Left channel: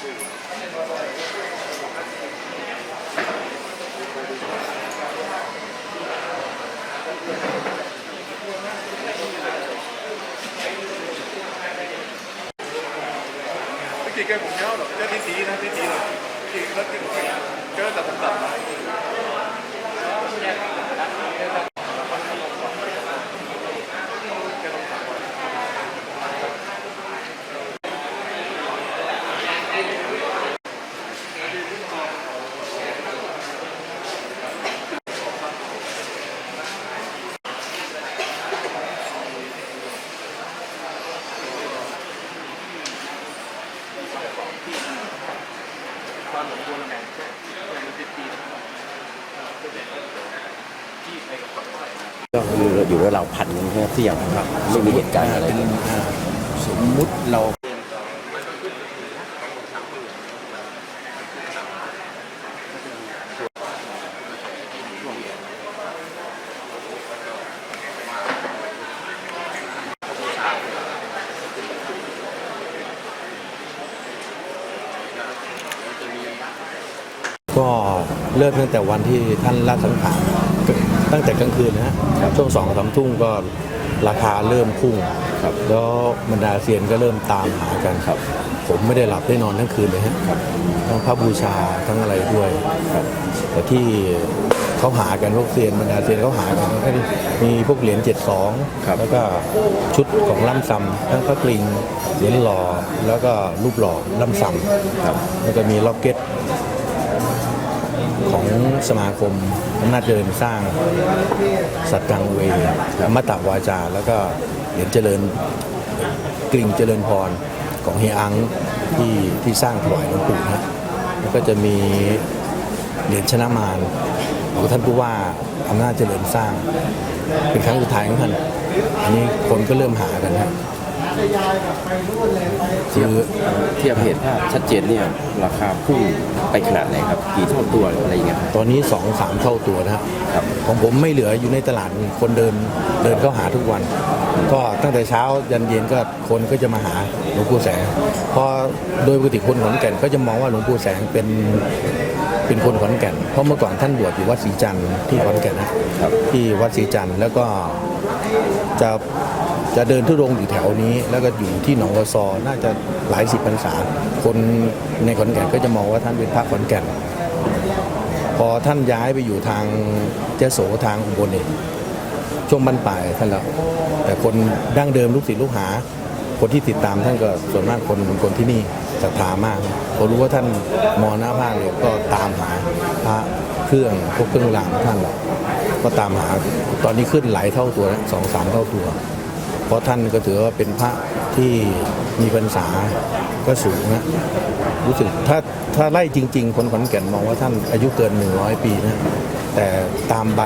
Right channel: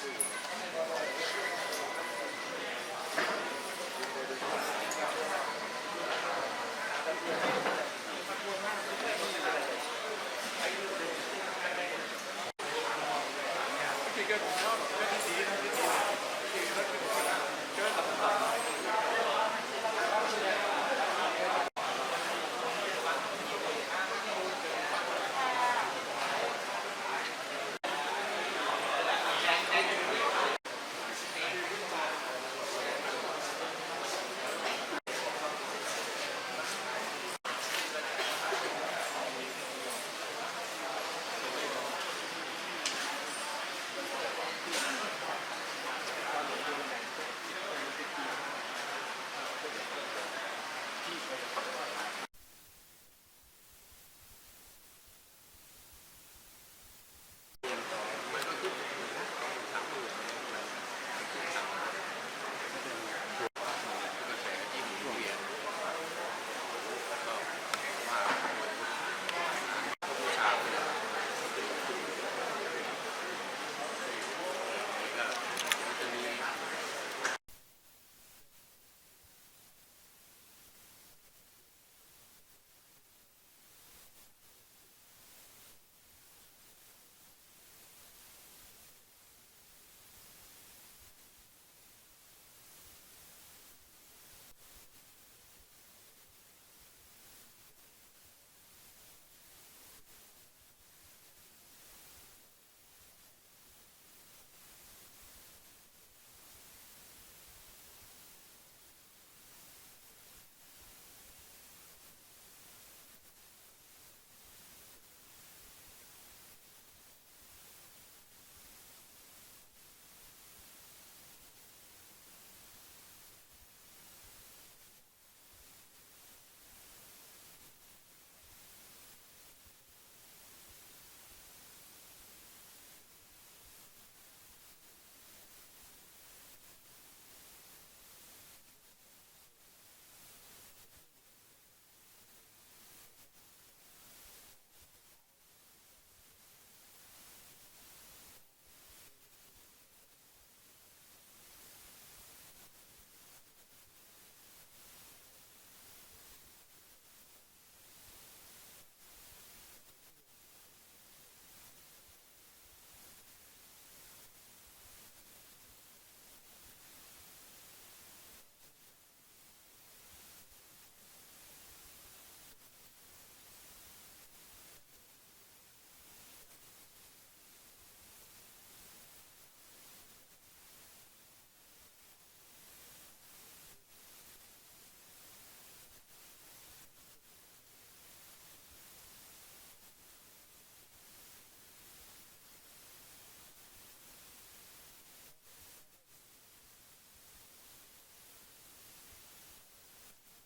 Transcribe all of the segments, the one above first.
ที่แกผมเนาะเรื่องที่สีนะที่สีที่เขาที่เจอแต่ต่างๆ ก็คื ออยู่ระหว่างพันกันแค่เสี่ยงครับไม่มีเหตุการณ์อะไร สมมุติเรา ก็เริ่มตั้งแต่วันที่ท่านละสังขารตั้งแต่กลางคืนนะฮะช่วงสองสามทุ่มก็ราคาเริ่มพุ่งครับแล้วบรรดาเซียนก็เริ่มตามหากันครับ ผมไม่ได้หลับได้นอนทั้งคืนเลยฮะทั้งพระบูชาทั้งอะไรด้วยครับแต่ที่เขาหากันพวกเซียนบรรดาเซียนเขาหากันก็มีพวกเหรียญเจ็ดสองครับแล้วก็ชุดของล่ำซำทั้งพระกริ่งเหรียญหล่อแล้วก็รูปหล่อล่ำซำครับแล้วก็มีล็อกเก็ต ของสมาคมอำนาจเจริญสร้าง สัตว์กลางเวย์อมตะวาจา แล้วก็เหรียญเจริญกริ่งเจริญพรของเฮียอังที่ที่สร้างถวายหลวงปู่นะแล้วก็จะมีเหรียญชนะมารของท่านผู้ว่าอำนาจเจริญสร้าง เป็นครั้งสุดท้ายของท่านอันนี้คนก็เริ่มหากันฮะ คือเทียบเหตุภาพชัดเจนเนี่ยราคาพุ่งไปขนาดไหนครับ กี่เท่าตัวหรืออะไรอย่างเงี้ยครับ ตอนนี้สองสามเท่าตัวนะฮะครับ ของผมไม่เหลืออยู่ในตลาดคนเดินเดินเข้าหาทุกวัน ก็ตั้งแต่เช้ายันเย็นก็คนก็จะมาหาหลวงปู่แสงเพราะโดยปกติคนขอนแก่นก็จะมองว่าหลวงปู่แสงเป็นเป็นคนขอนแก่น เพราะเมื่อก่อนท่านบวชอยู่วัดศรีจันทร์ที่ขอนแก่นนะครับ ที่วัดศรีจันทร์แล้วก็จะ จะเดินทุรงอยู่แถวนี้ แล้วก็อยู่ที่หนองวัวซอน่าจะหลายสิบพรรษา คนในขอนแก่นก็จะมองว่าท่านเป็นพระขอนแก่น พอท่านย้ายไปอยู่ทางเจโสทางอุบลเองช่วงบรรปลายท่านแล้วแต่คนดั้งเดิมลูกศิษย์ลูกหา คนที่ติดตามท่านก็ส่วนมากคนคนที่นี่ศรัทธามากพอรู้ว่าท่านมรณภาพเลยก็ตามหาพระเครื่องพวกเครื่องรางของท่านละก็ตามหาตอนนี้ขึ้นหลายเท่าตัวแล้วสองสามเท่าตัว เพราะท่านก็ถือว่าเป็นพระที่มีพรรษาก็สูงนะรู้สึกถ้าถ้าไล่จริง ๆ คนขอนแก่นมองว่าท่านอายุเกิน 100 ปีนะแต่ตามใบ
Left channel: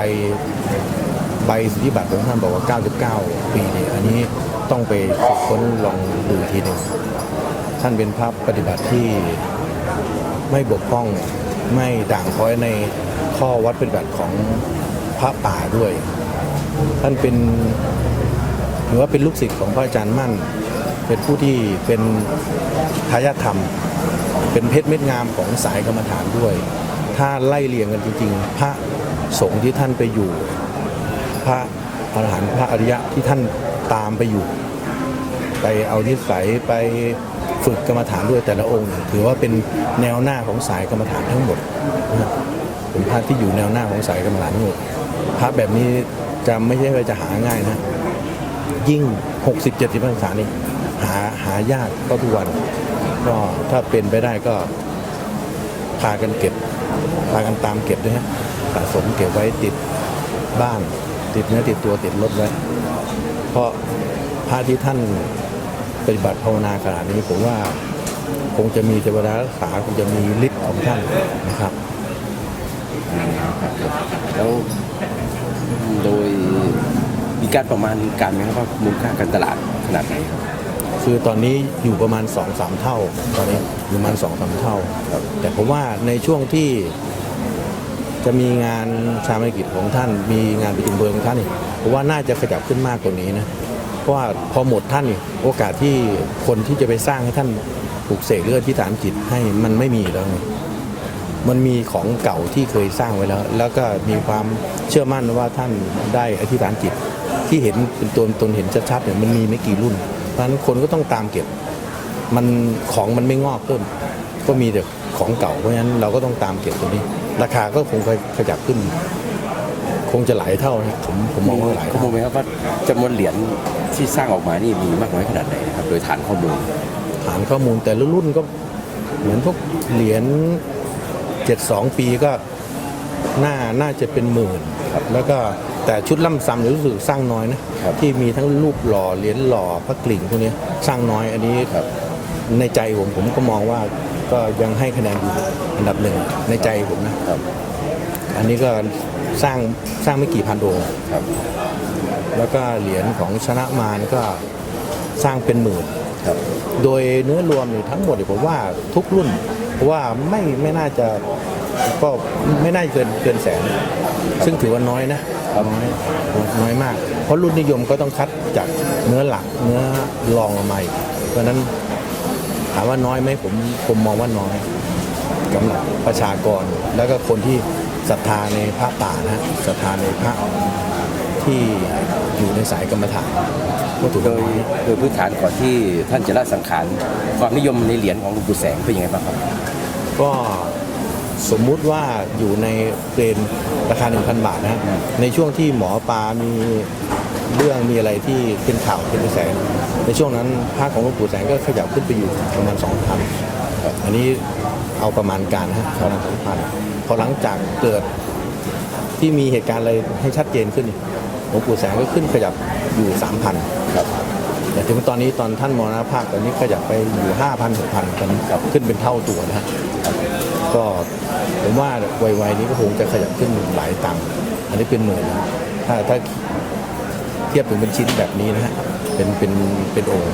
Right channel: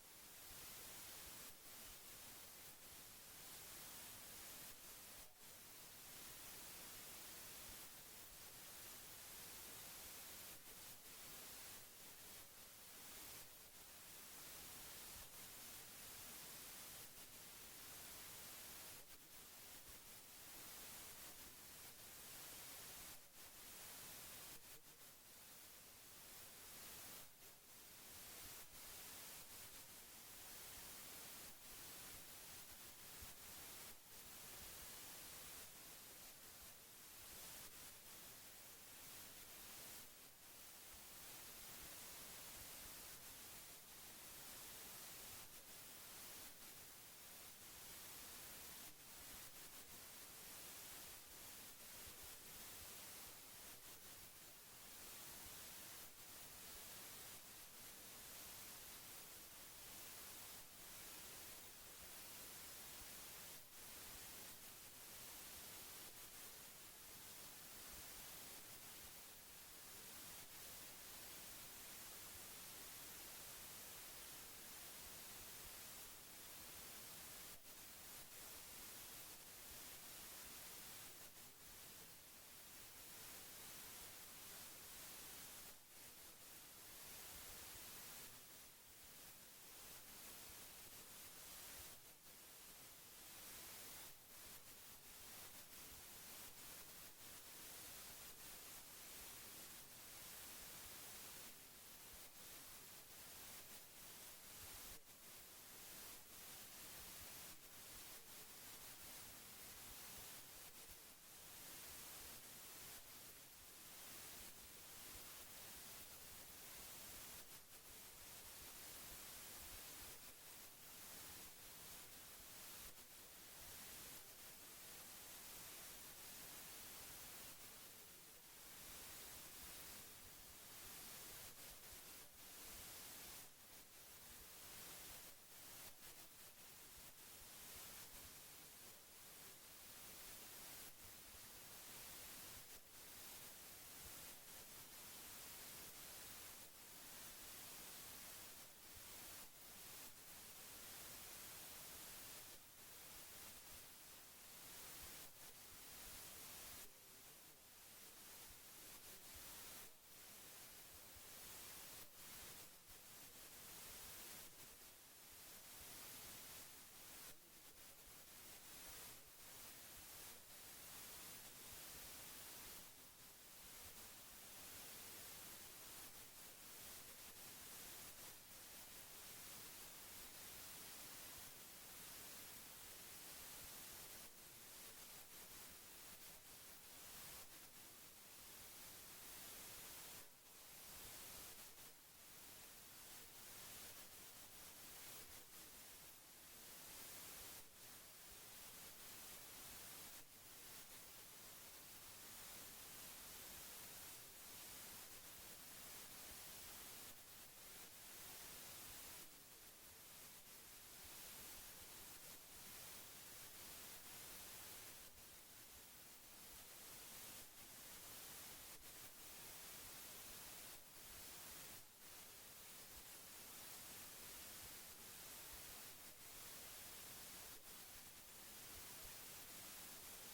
ใบสุทธิบัตรของท่านบอกว่า 99 ปีเนี่ยอันนี้ต้องไปค้นลองดูทีหนึ่งท่านเป็นพระปฏิบัติที่ไม่บกพร่องไม่ด่างพร้อยในข้อวัดปฏิบัติของพระป่าด้วย ท่านเป็น ถือว่าเป็นลูกศิษย์ของพระอาจารย์มั่น เป็นผู้ที่เป็นทายาทธรรม เป็นเพชรเม็ดงามของสายกรรมฐานด้วย ถ้าไล่เรียงกันจริงๆ พระสงฆ์ที่ท่านไปอยู่ พระอรหันต์พระอริยะที่ท่านตามไปอยู่ ไปเอานิสัยไปฝึกกรรมฐานด้วยแต่ละองค์ ถือว่าเป็นแนวหน้าของสายกรรมฐานทั้งหมดนะเป็นพระที่อยู่แนวหน้าของสายกรรมฐานทั้งหมดพระแบบนี้จะไม่ใช่ว่าจะหาง่ายนะ ยิ่ง 60 70พรรษานี่หาหายากก็ทุกวันก็ถ้าเป็นไปได้ก็พากันเก็บพากันตามเก็บด้วยฮะสะสมเก็บไว้ติดบ้านติดเนื้อติดตัวติดรถไว้ เพราะพระที่ท่านปฏิบัติภาวนาขนาดนี้ผมว่าคงจะมีเทวดารักษาคงจะมีฤทธิ์ของท่านนะครับแล้ว การประมาณการไหมครับว่ามูลค่าการตลาดขนาดไหนครับ คือตอนนี้อยู่ประมาณ2อสามเท่า ตอนนี้อยู่ประมาณ2อสามเท่า แต่ผมว่าในช่วงที่จะมีงานชาปนกิจของท่าน มีงานประชุมเพลิงของท่านนี่ผมว่าน่าจะขยับขึ้นมากกว่านี้นะ เพราะว่าพอหมดท่านนี่โอกาสที่คนที่จะไปสร้างให้ท่านปลูกเสกเลือดที่ฐานจิตให้มันไม่มีแล้วไงมันมีของเก่าที่เคยสร้างไว้แล้ว แล้วก็มีความเชื่อมั่นว่าท่านได้อธิษฐานจิต ที่เห็นเป็นตัวตนเห็นชัดๆเนี่ยมันมีไม่กี่รุ่น เพราะฉะนั้นคนก็ต้องตามเก็บ มันของมันไม่งอกเพิ่มก็มีแต่ของเก่าเพราะฉะนั้นเราก็ต้องตามเก็บตัวนี้ ราคาก็คงขยับขึ้น คงจะหลายเท่านะผมผมมองว่าหลายข้อเท่า มูลไหมครับว่าจำนวนเหรียญที่สร้างออกมานี่มีมากน้อยขนาดไหนครับโดยฐานข้อมูล ฐานข้อมูลแต่ละรุ่นก็เหมือนพวกเหรียญ72 ปีก็น่าน่าจะเป็นหมื่นครับแล้วก็ แต่ชุดล่ำซ้ำเนี่ยรู้สึกสร้างน้อยนะครับที่มีทั้งรูปหล่อเหรียญหล่อพระกลิ่งพวกนี้สร้างน้อยอันนี้ครับในใจผมผมก็มองว่าก็ยังให้คะแนนอยู่อันดับหนึ่งในใจผมนะครับอันนี้ก็สร้างสร้างไม่กี่พันองค์ครับแล้วก็เหรียญของชนะมารก็สร้างเป็นหมื่นครับโดยเนื้อรวมเนี่ยทั้งหมดเนี่ยผมว่าทุกรุ่นเพราะว่าไม่ไม่น่าจะก็ไม่น่าจะเกินเกินแสน ซึ่งถือว่าน้อยนะ น้อยน้อยมาก เพราะรุ่นนิยมก็ต้องคัดจากเนื้อหลักเนื้อรองออกมาอีกเพราะฉะนั้นถามว่าน้อยไหมผมผมมองว่าน้อยสำหรับประชากร แล้วก็คนที่ศรัทธาในพระป่านะศรัทธาในพระที่อยู่ในสายกรรมฐานก็ถือโดว่ายน้อยโดยพื้นฐานก่อนที่ท่านจะละสังขารความนิยมในเหรียญของหลวงปู่แสงเป็นยังไงบ้างครับก็ สมมุติว่าอยู่ในเกรนราคา 1,000 บาทนะฮะในช่วงที่หมอปลามีเรื่องมีอะไรที่เป็นข่าวเป็นกระแสในช่วงนั้นภาคของหลวงปู่แสงก็ขยับขึ้นไปอยู่ประมาณ2,000อันนี้เอาประมาณการนะฮะประมาณ2,000พอหลังจากเกิดที่มีเหตุการณ์อะไรให้ชัดเจนขึ้นหลวงปู่แสงก็ขึ้นขยับอยู่ 3,000ครับแต่ถึงตอนนี้ตอนท่านมรณภาพตอนนี้ขยับไปอยู่ 5,000 6,000ตอนนี้กลับขึ้นเป็นเท่าตัวนะฮะ ก็ผมว่าวัยๆนี้ก็คงจะขยับขึ้นหลายตังค์อันนี้เป็นหมื่นนะถ้าถ้าเทียบถึงเป็นชิ้นแบบนี้นะฮะเป็นเป็นเป็นองค์